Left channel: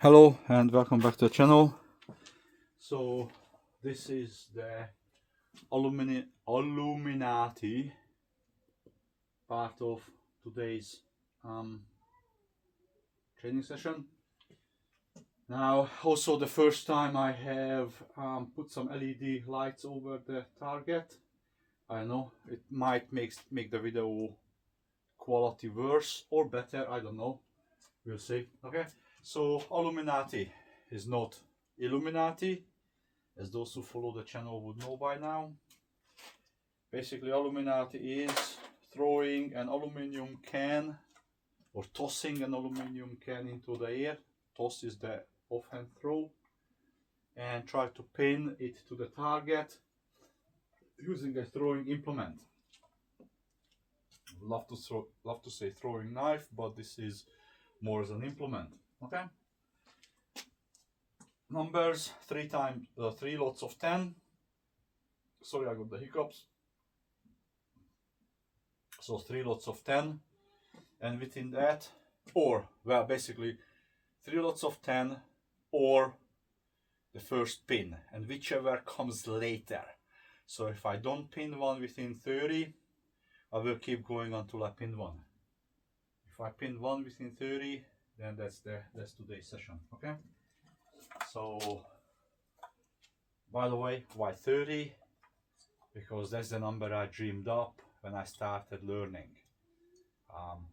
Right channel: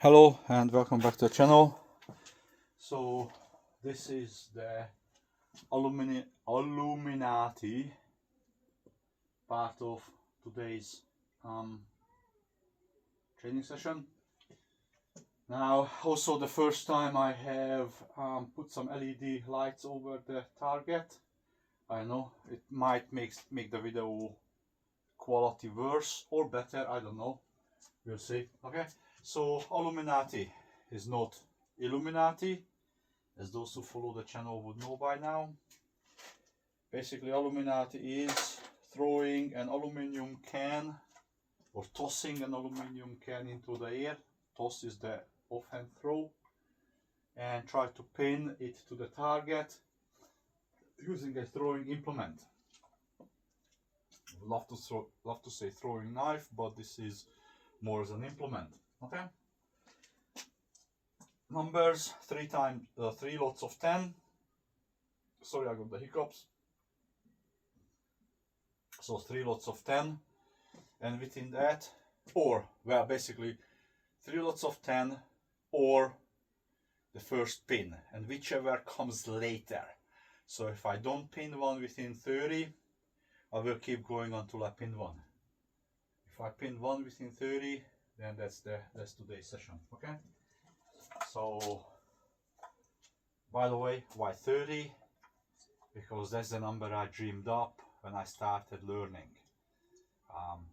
Hello and welcome back to the channel. So this is the Aluminati part of today's training session. Now also the first time I have put some LED lights over the target. I know it might make the video quality worse or better, I don't know, we'll see. Okay, so Aluminati is not Illuminati, as those who follow the channel would know by now. Basically, Aluminati is throwing an aluminium can or tossing an aluminium can into the air. Toss is the offhand throw, and try to pin it to the target using a throwing implement. Love to say throwing knife, but this is more as an implement. Okay. Numbers: three lots of 10. Sorry, I got the hiccups. So 3 lots of 10, and within that, or well, basically 3 lots of 10 or the first pin, and whichever comes later. So if I don't pin one within 30, I will keep going until I pin one. If I pin one within 30, then that's today's session. Okay. So by the way, why 30? Because that's the number I dreamed up when I started learning.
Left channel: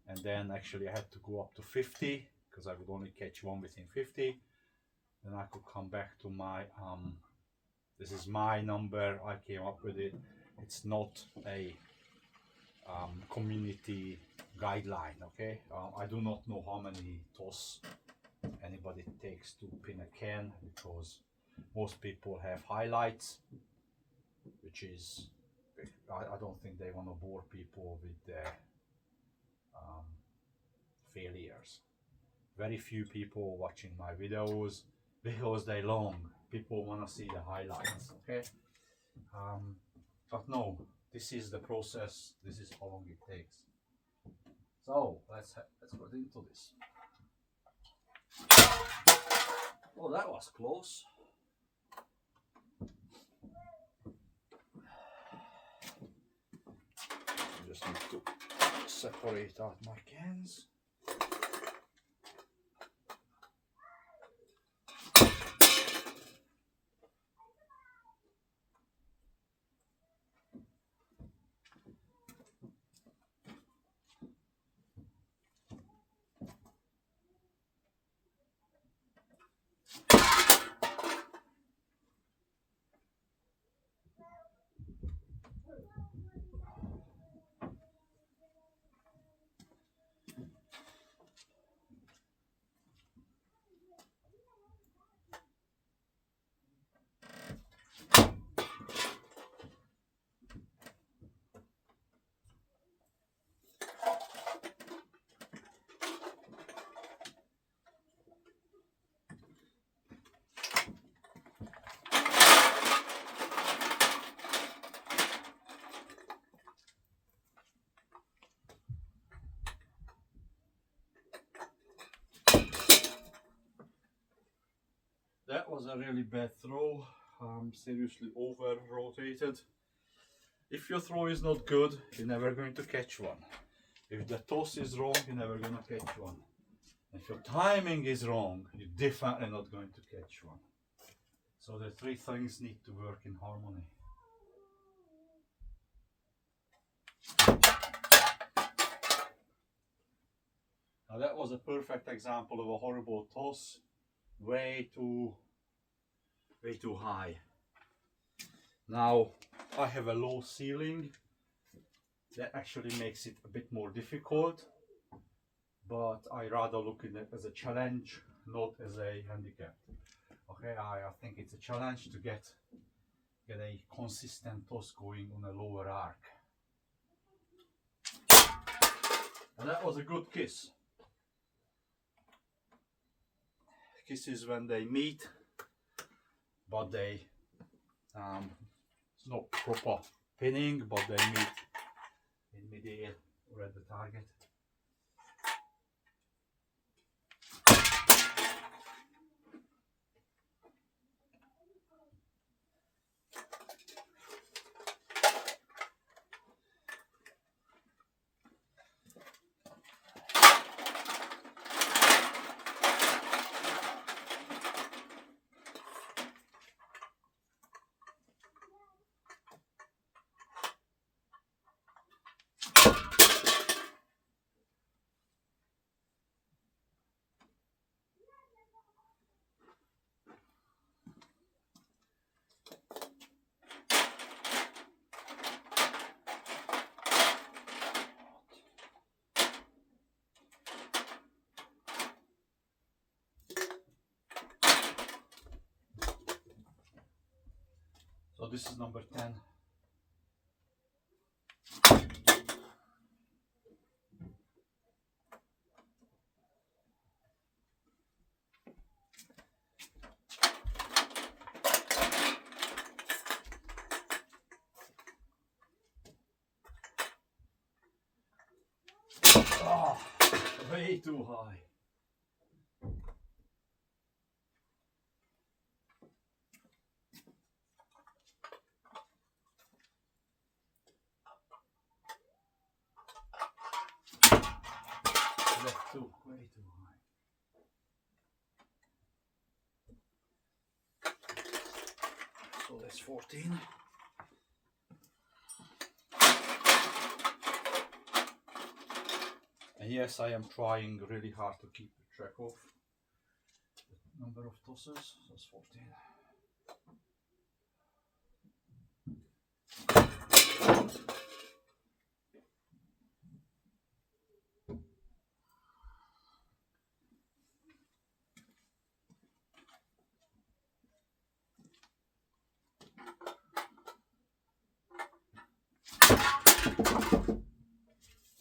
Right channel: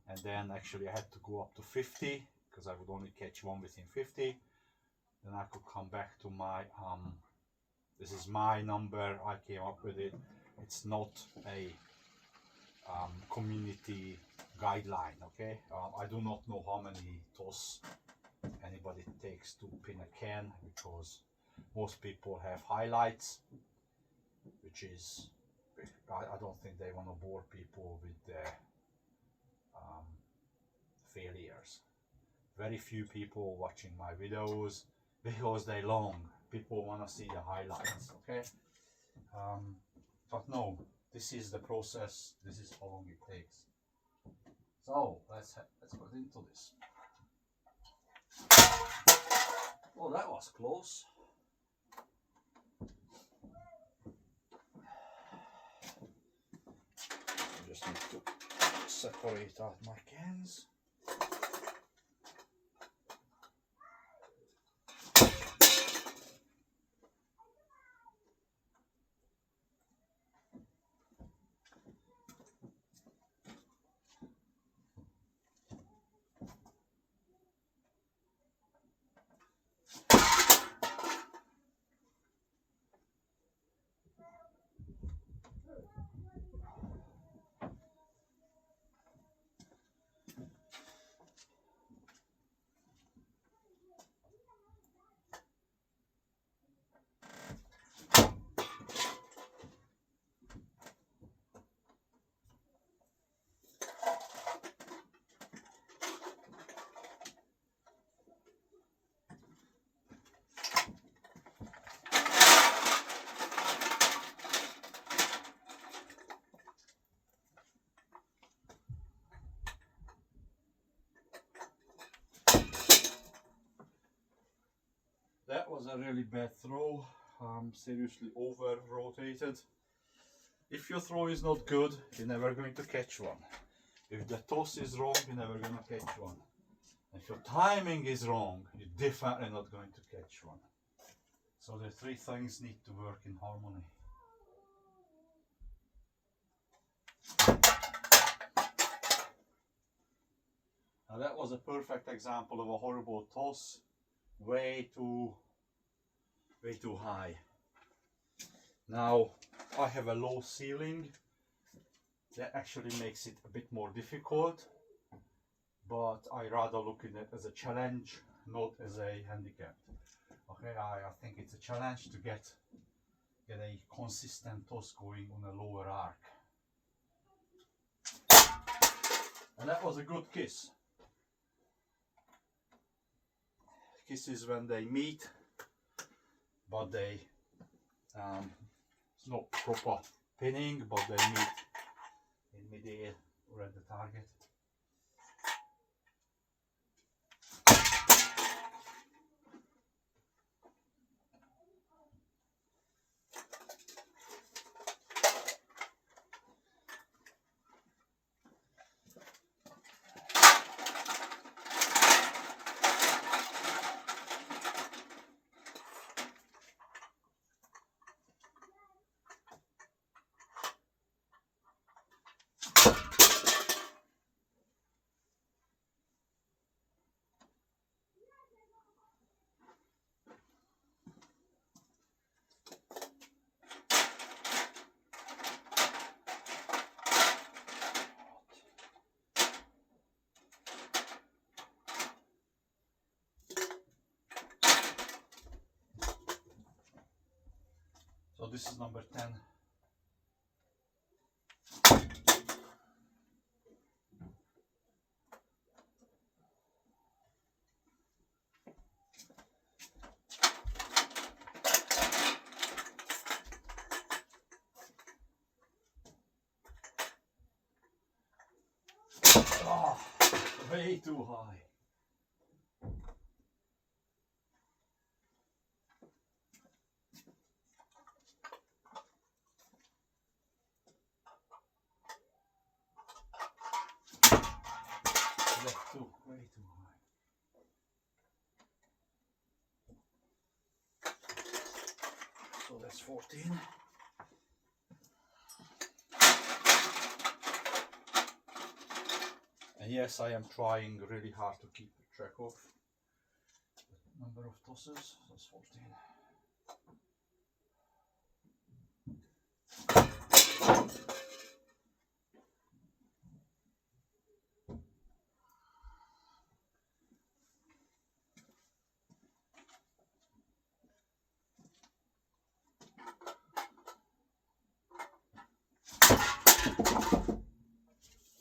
And then actually I had to go up to 50 because I would only catch one within 50. Then I could come back to my this is my number, I came up with it. It's not a community guideline. Okay, I do not know how many toss anybody takes to pin a can, because most people have highlights, which is, I don't think they want to bore people with their failures. Very few people watching my videos because they're long. People want to see the highlights. Okay, but no, this is the process. This is how long it takes. So let's get into this. Oh, that was close. I just need to separate out my cans. That was a really bad throw. Seriously over rotated. If your throw is not good, you're never going to catch one. If the toss is wrong, you're never going to catch one. If your timing is wrong, you're definitely not going to catch one. So the three things need to work in harmony. Now that was a perfect example of a horrible toss. Way too high. Now I have a low ceiling. That actually makes it a bit more difficult, but I rather look at it as a challenge, not as a handicap. Okay, I think it's a challenge to get a consistent toss going on a lower arc. And that was a good kiss. Kisses when they meet, but they it's not proper pinning, but they meet in mid-air or at the target. this is number 10. Oh, way too high. Way too high. So that's 14. And yes, I am trying really hard to keep track of the number of tosses. That's 14.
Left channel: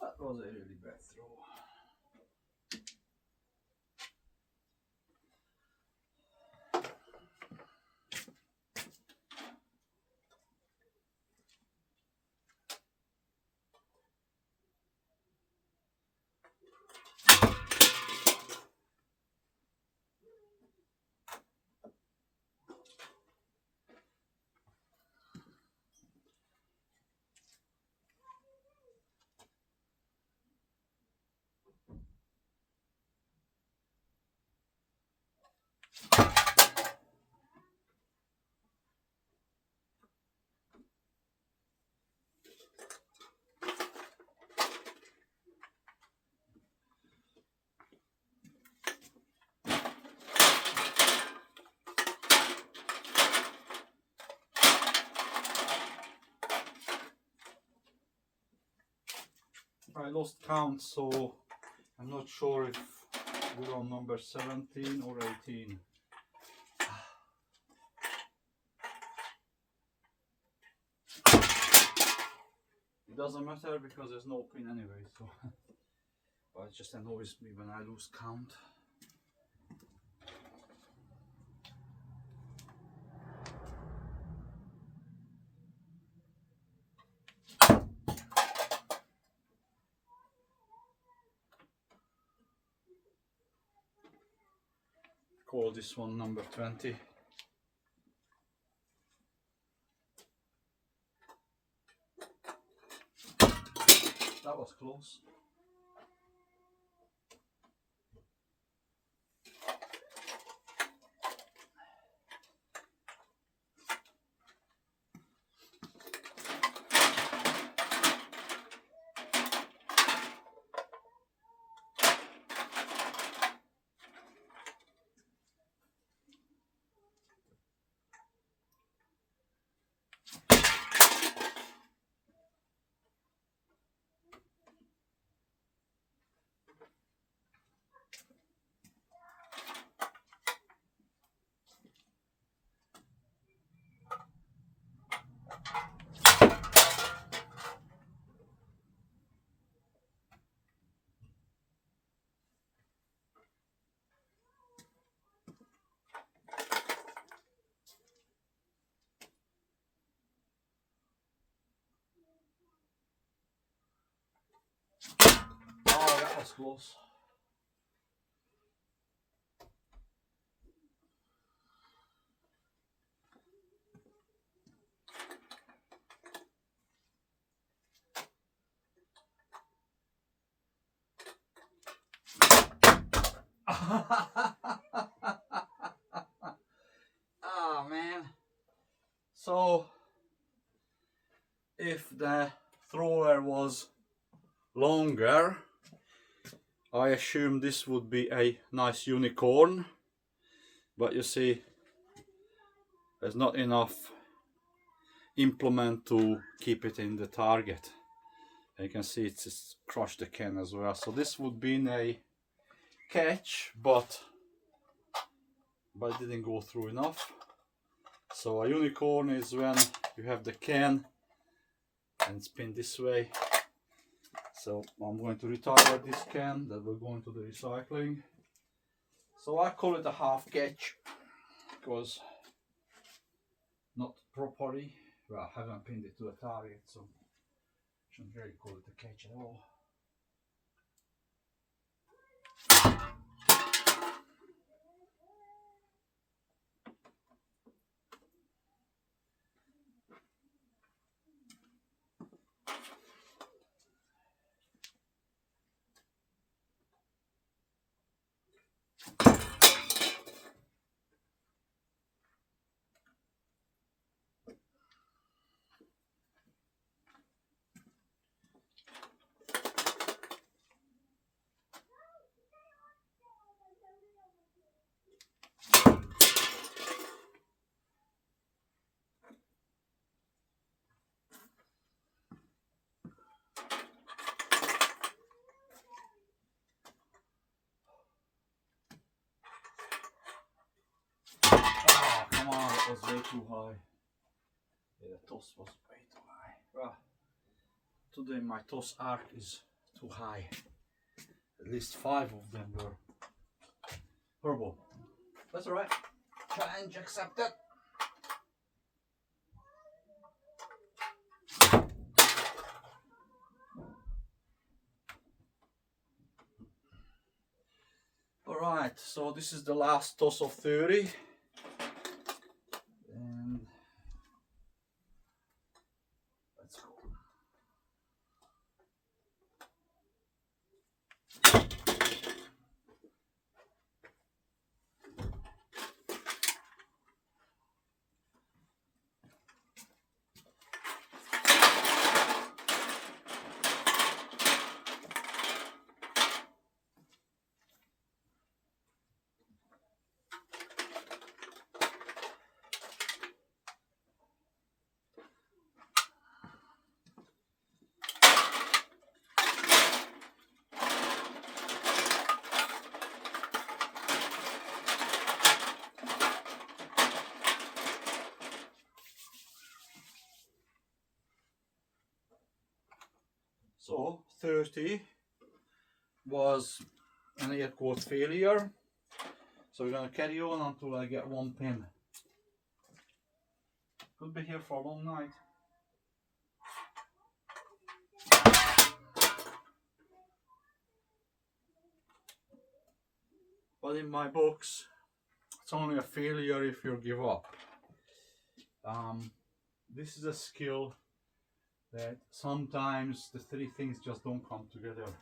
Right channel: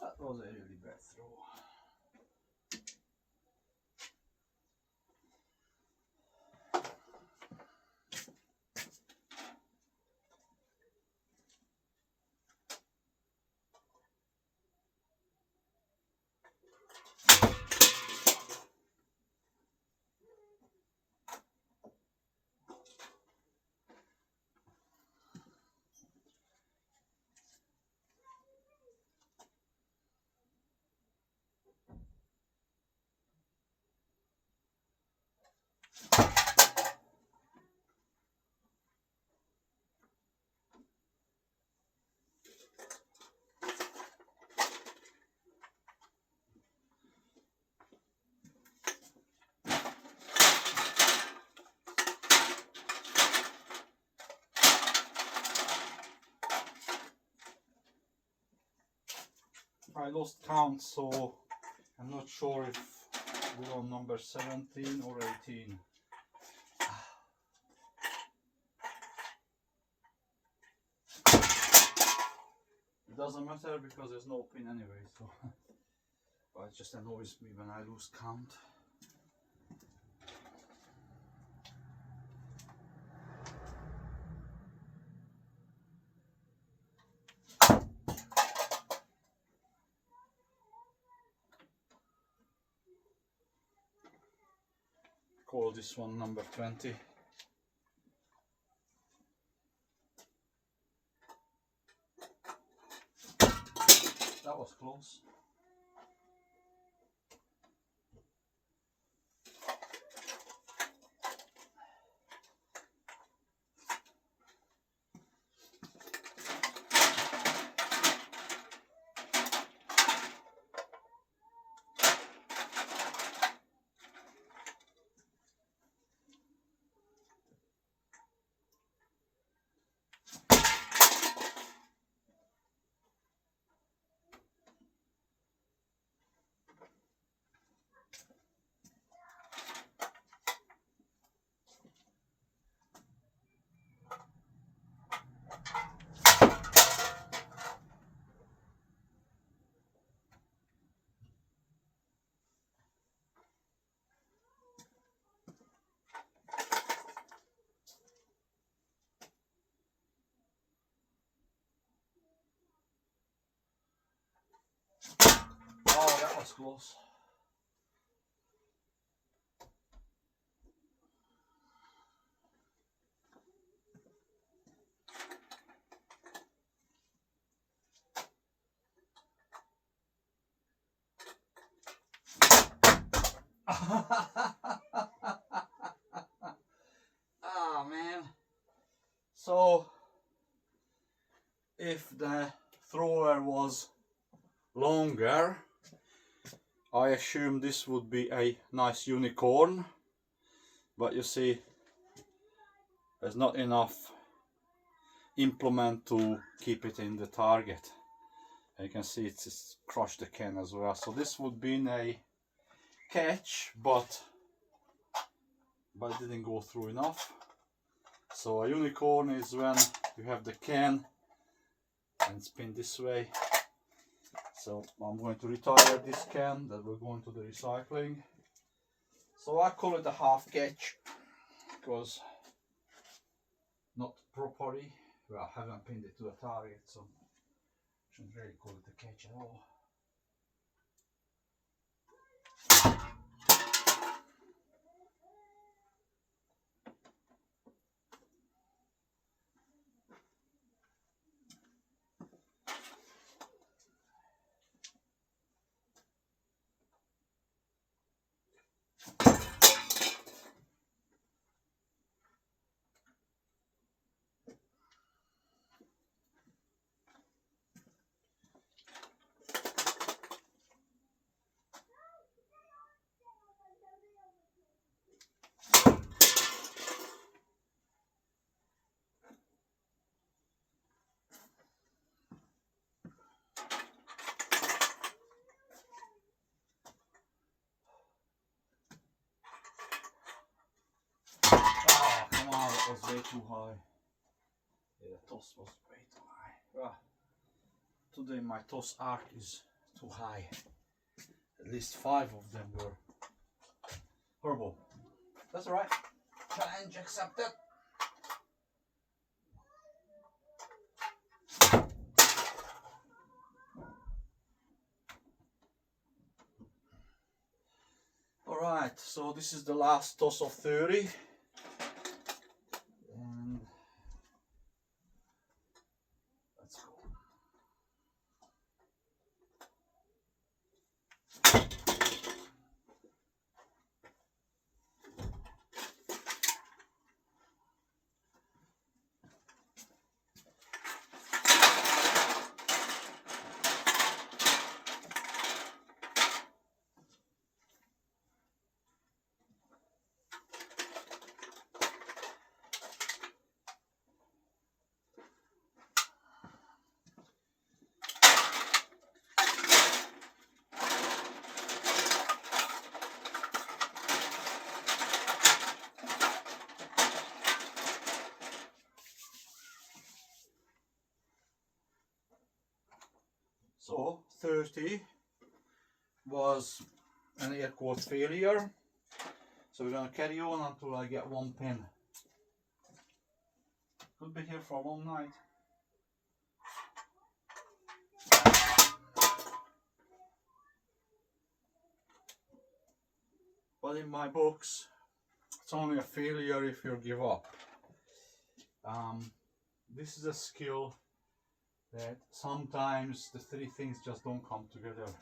That was a really bad throw. I lost count, so I'm not sure if we're on number 17 or 18. It doesn't matter because there's no pin anyway, so but it just annoys me when I lose count. Call this one number 20. That was close. Oh, that was close. Oh man. So if the thrower was longer, I assume this would be a nice unicorn, but you see there's not enough implement to keep it in the target. You can see it's just crushed the can as well, so this would be a catch, but it didn't go through enough. So a unicorn is when you have the can and spin this way. So I'm going to retire this can that will go into the recycling. So I call it a half catch because not properly, well, I haven't pinned it to the target, so shouldn't really call it a catch at all. Oh, come on, that was way too high. Yeah, the toss was way too high. Well, today my toss arc is too high. At least 5 of them were horrible. That's alright. Challenge accepted. Alright, so this is the last toss of 30. And let's go. So 30 was an air quote failure. So we're going to carry on until I get 1 pin. Could be here for a long night. But in my books, it's only a failure if you give up. This is a skill that sometimes the 3 things just don't come together.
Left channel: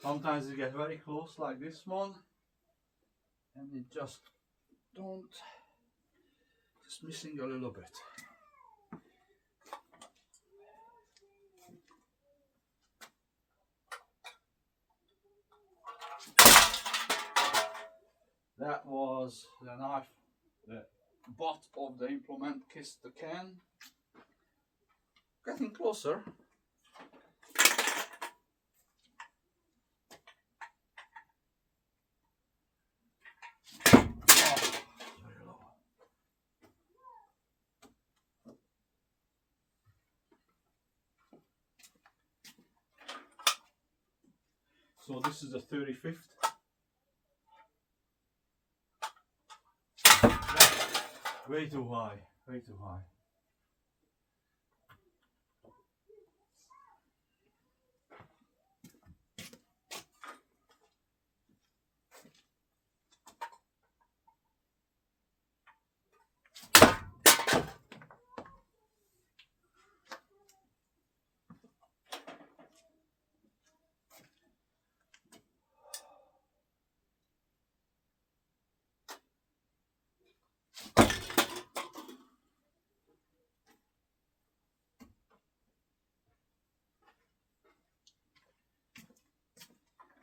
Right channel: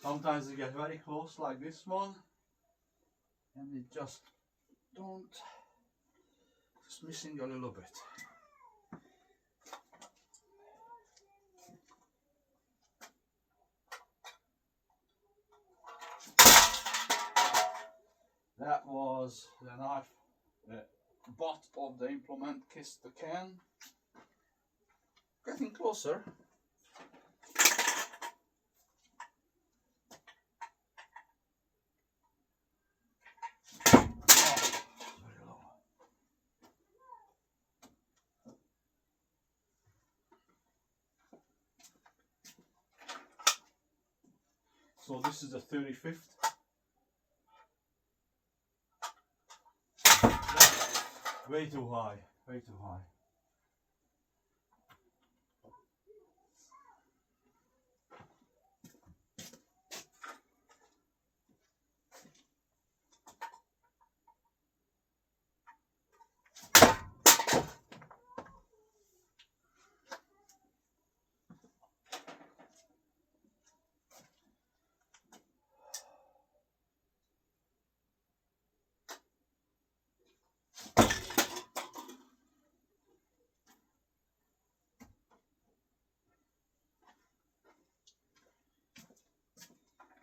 Sometimes you get very close like this one and it just missing a little bit. That was the knife, the butt of the implement kissed the can. Getting closer. So this is the 35th. Way too high, way too high.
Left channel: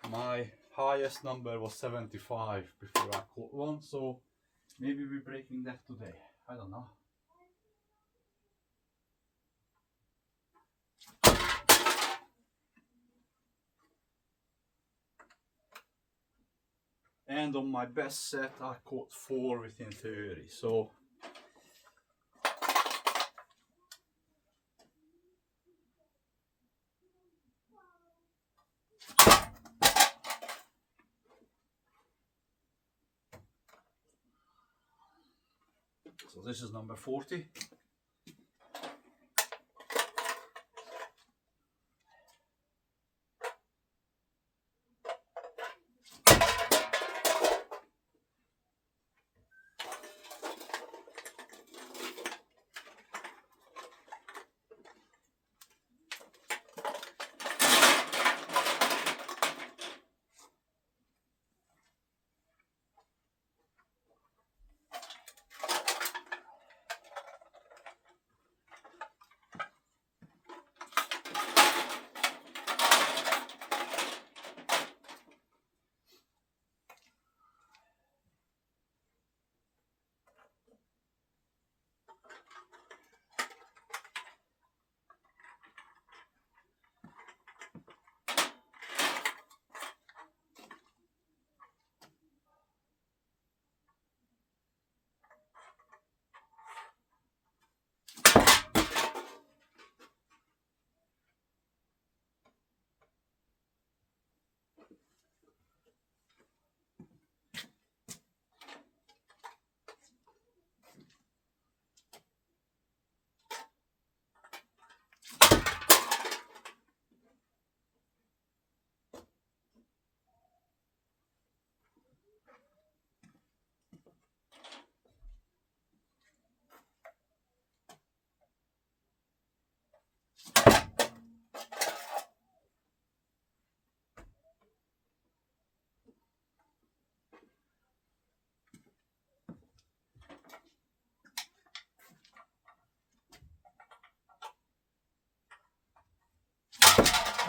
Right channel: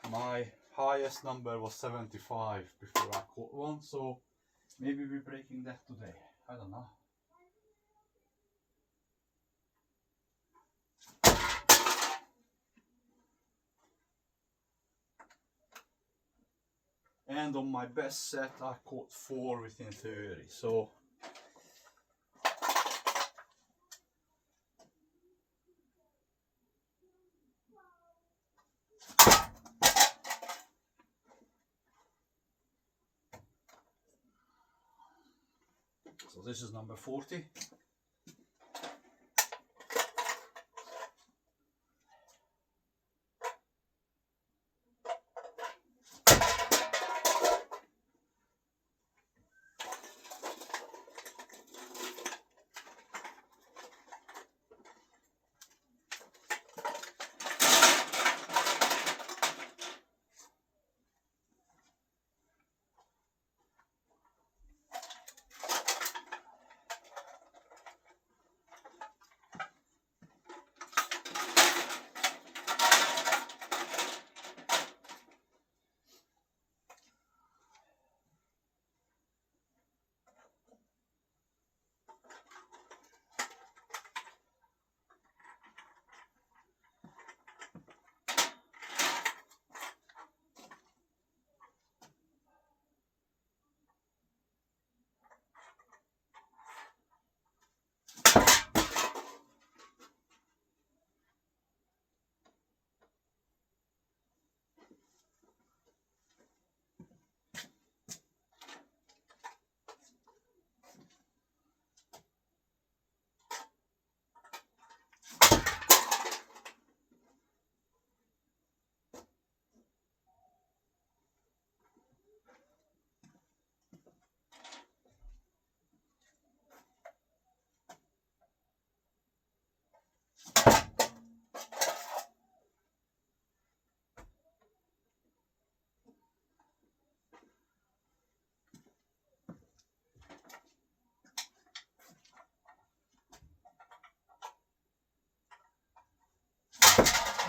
My highest number was 75 before I caught one, so maybe we're breaking that today. I don't know. and on my best set I caught 4 within 30. So this is number 40.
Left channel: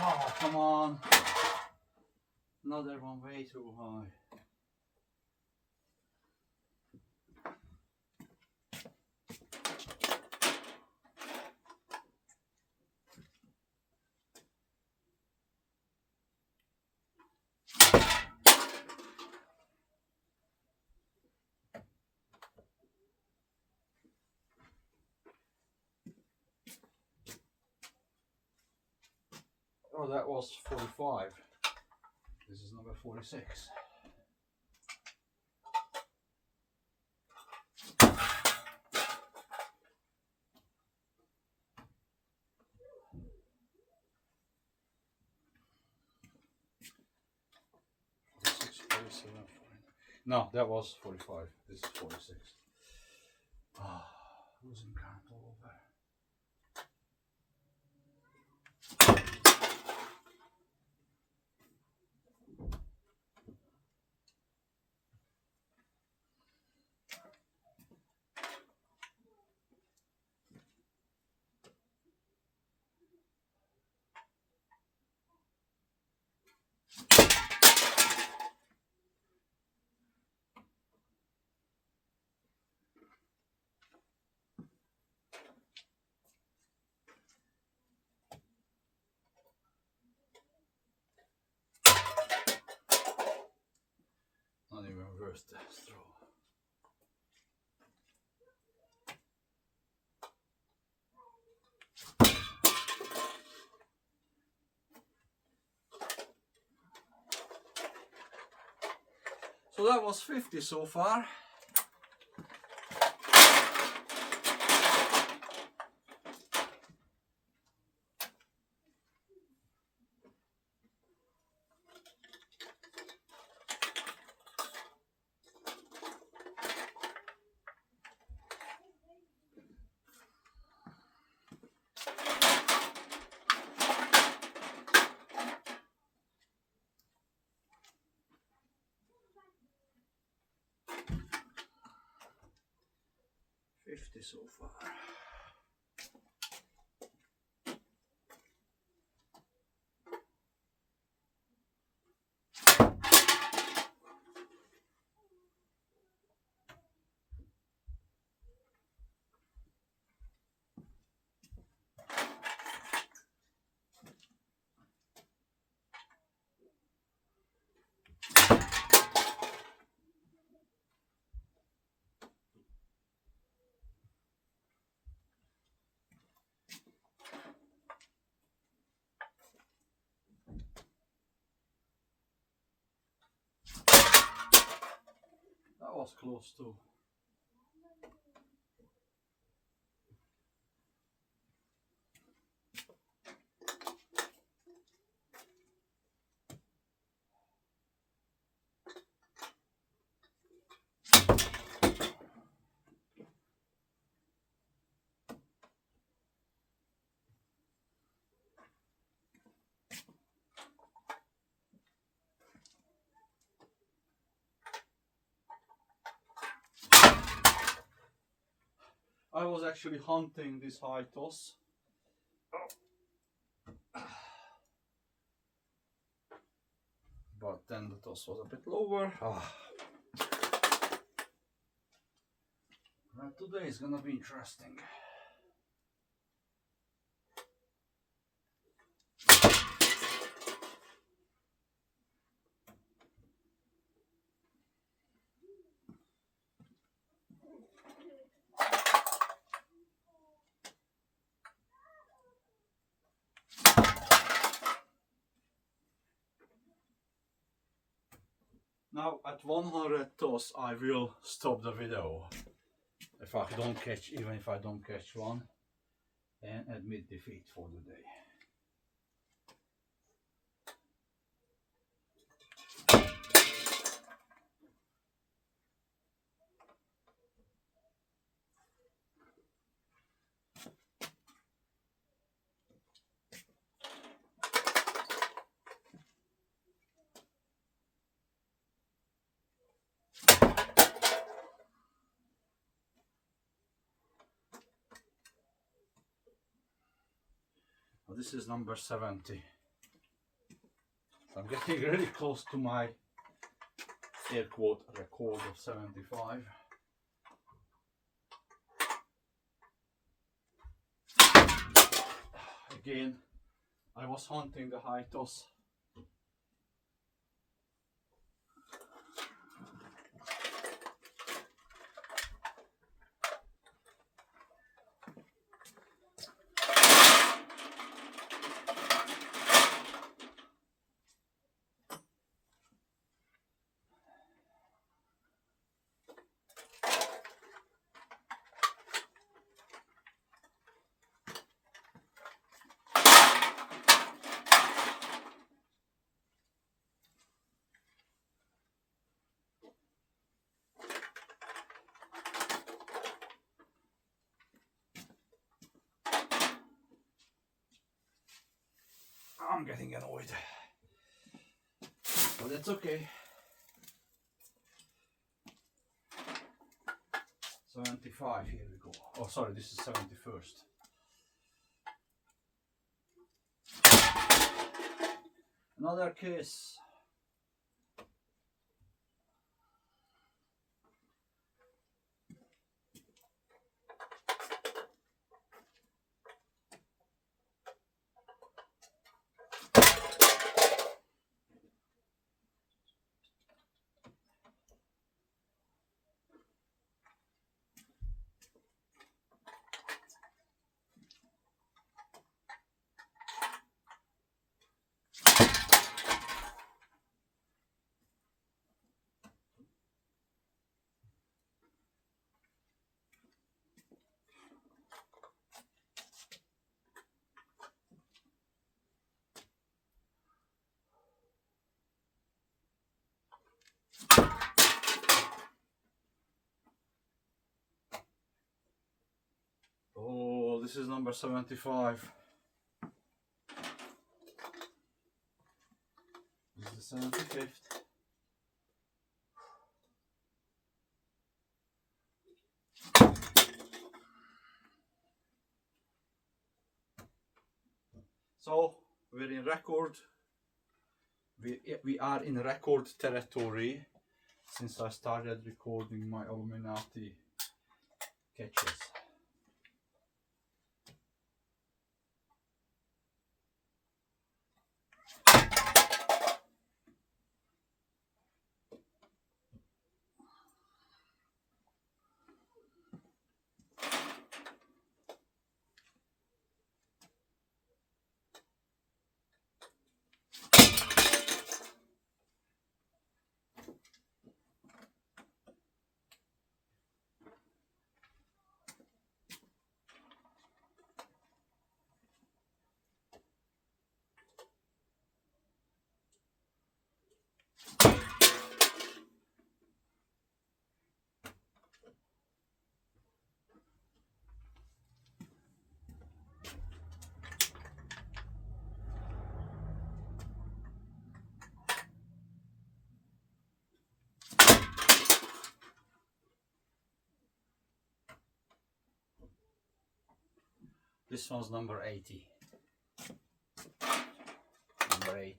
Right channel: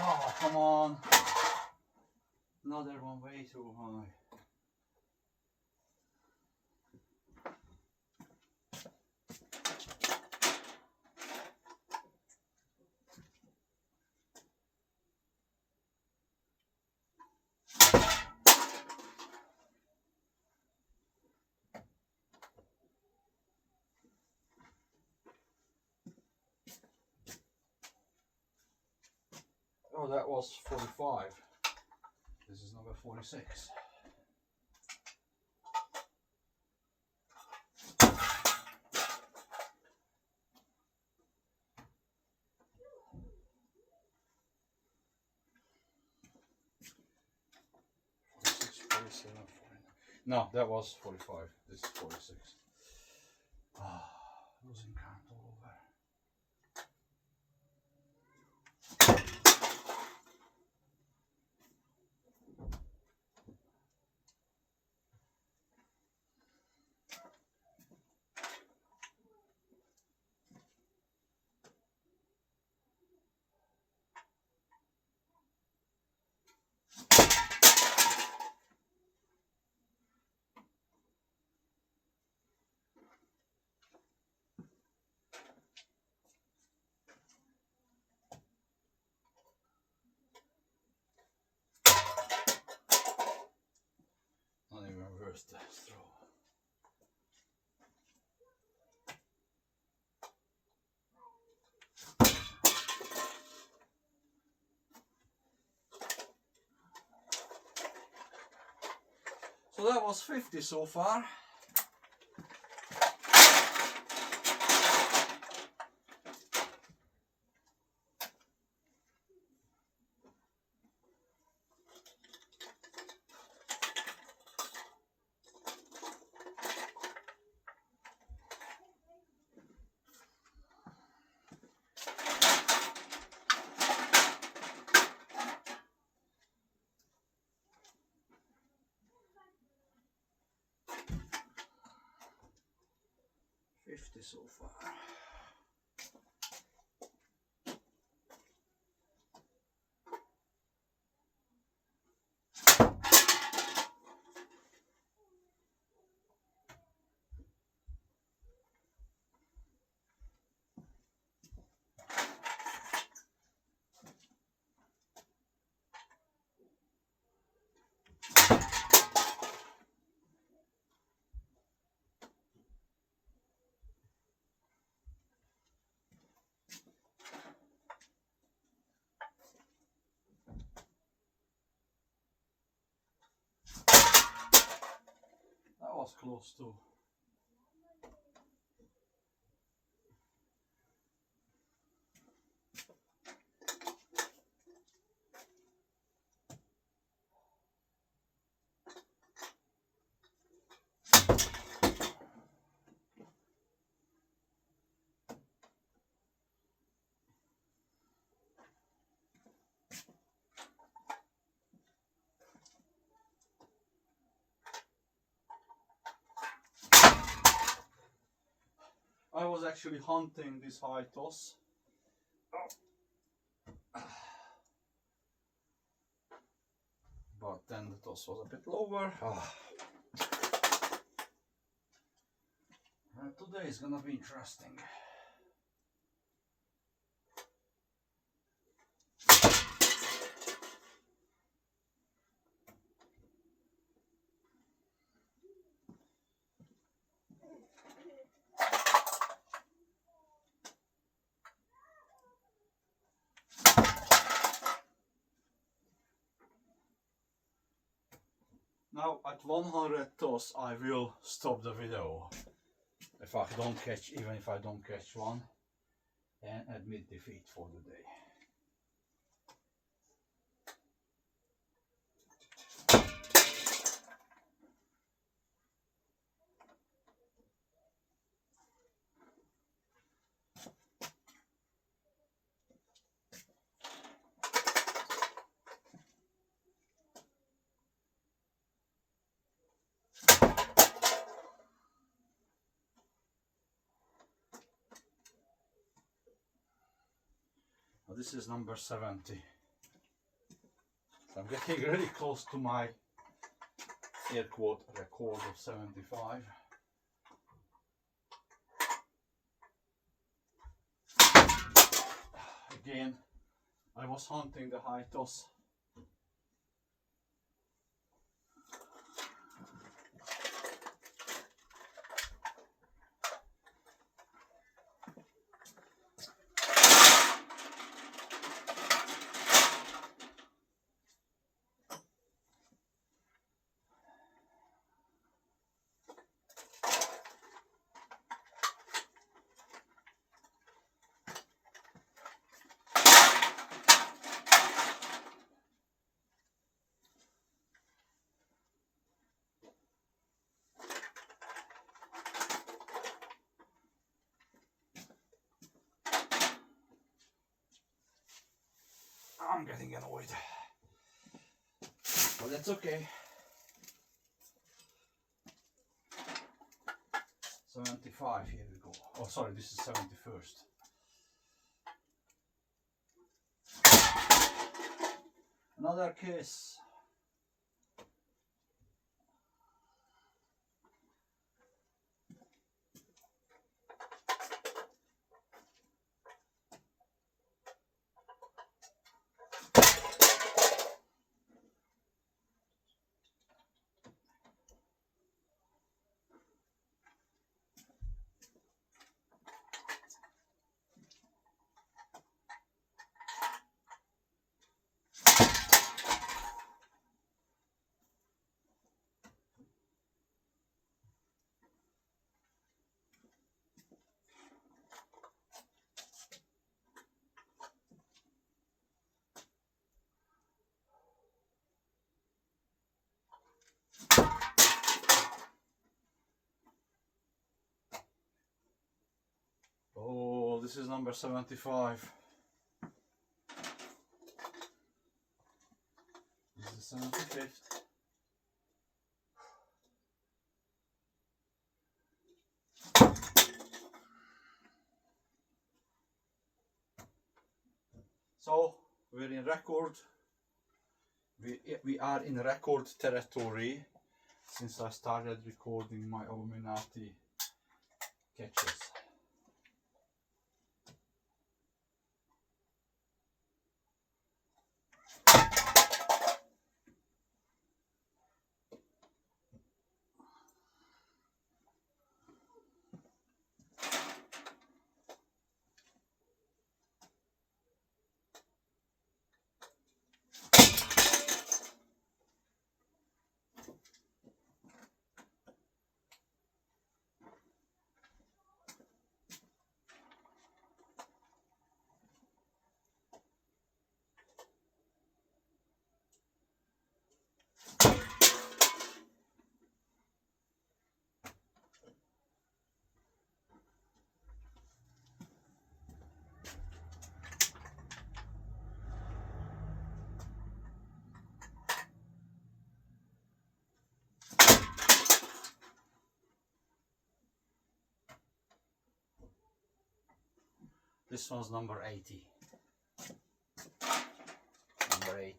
Oh, come on. Another one way too high. Oh, that was 45. This is number 46. No, that was 45. This is 46. Ah, losing count all over. Not even worth the throw. So that was 50 so far. So far. was close to. I was actually hunting this high toss. But then the toss was a bit lower. Today is gonna be interesting. Now at 100 toss I will stop the video. If I don't catch, even if I don't catch one, and admit defeat for the day. Well, this is number 70. So I'm getting really close to my air quote record of 75. Again, I was hunting the high toss. I'm getting annoyed, but that's okay. 75, here we go. Oh, sorry, this is 71st. Another case. Oh, this is number 75. This is the 75th. So we're in record. We are in record territory since I started recording my Aluminati catches. This one's number 80. Number 80.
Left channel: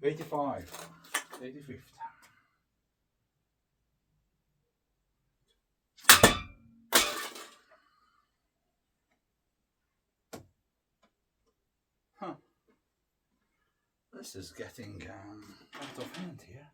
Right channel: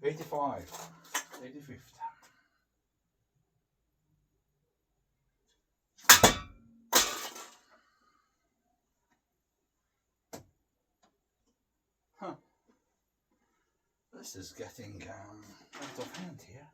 '85, 85th. Huh. This is getting out of hand here.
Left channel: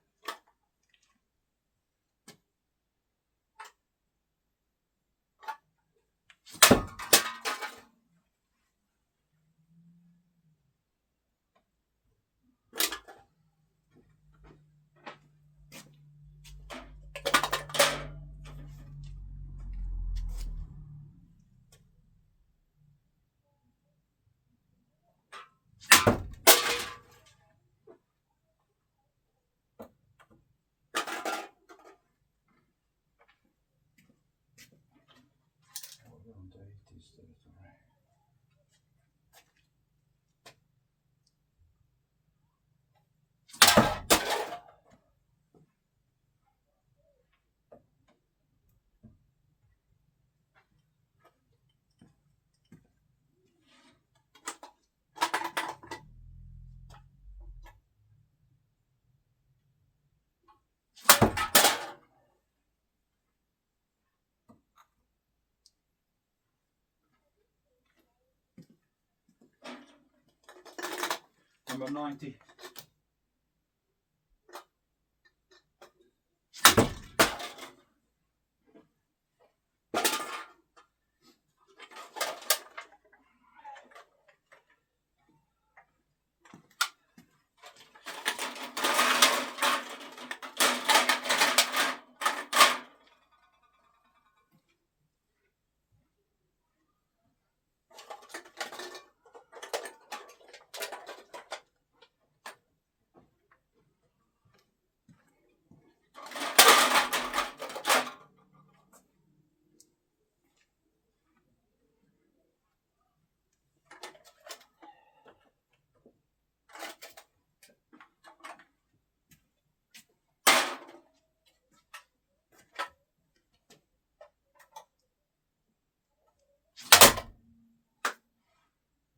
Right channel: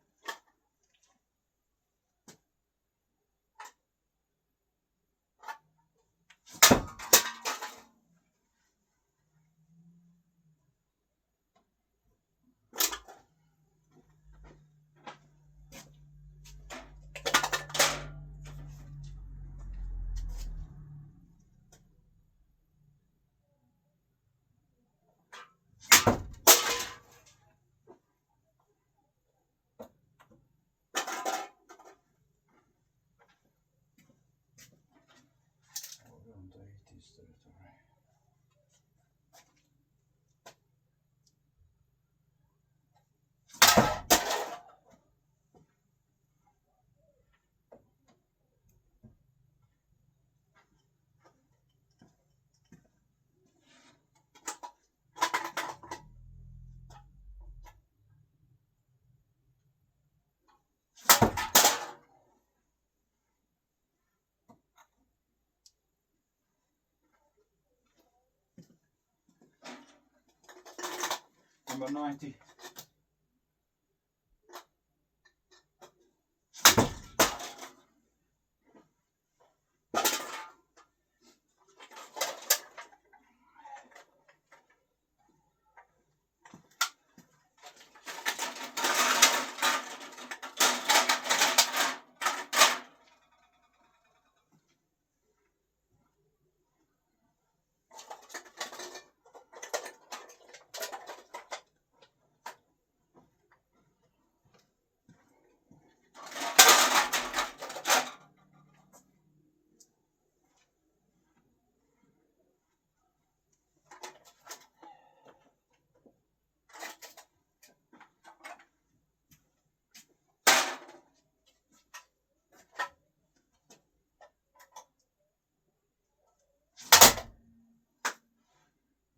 Around the 80s territory. Number 90.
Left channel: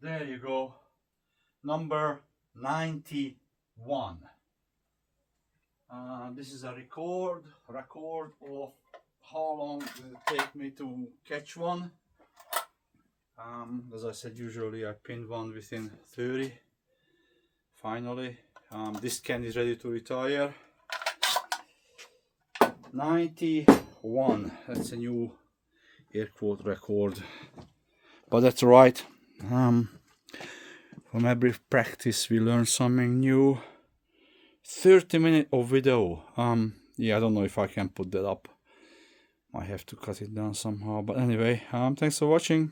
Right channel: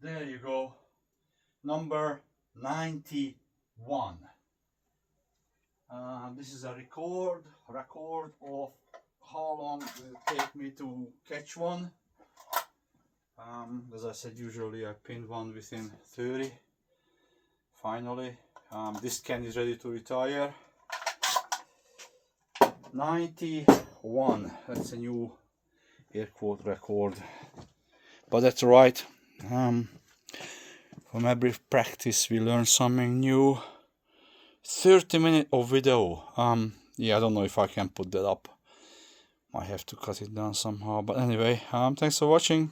There you go, number 91. This is a record of how long it will take me to catch one. As I said, usually I pin one within 30. Finally, this can is ready to retire. 91, that's a new air quote record, but that's right. From every practice we learn something new. 30 minutes of video. Yeah, I don't know if I can put that up. I have to cut it down somehow. But anyway, thanks for watching.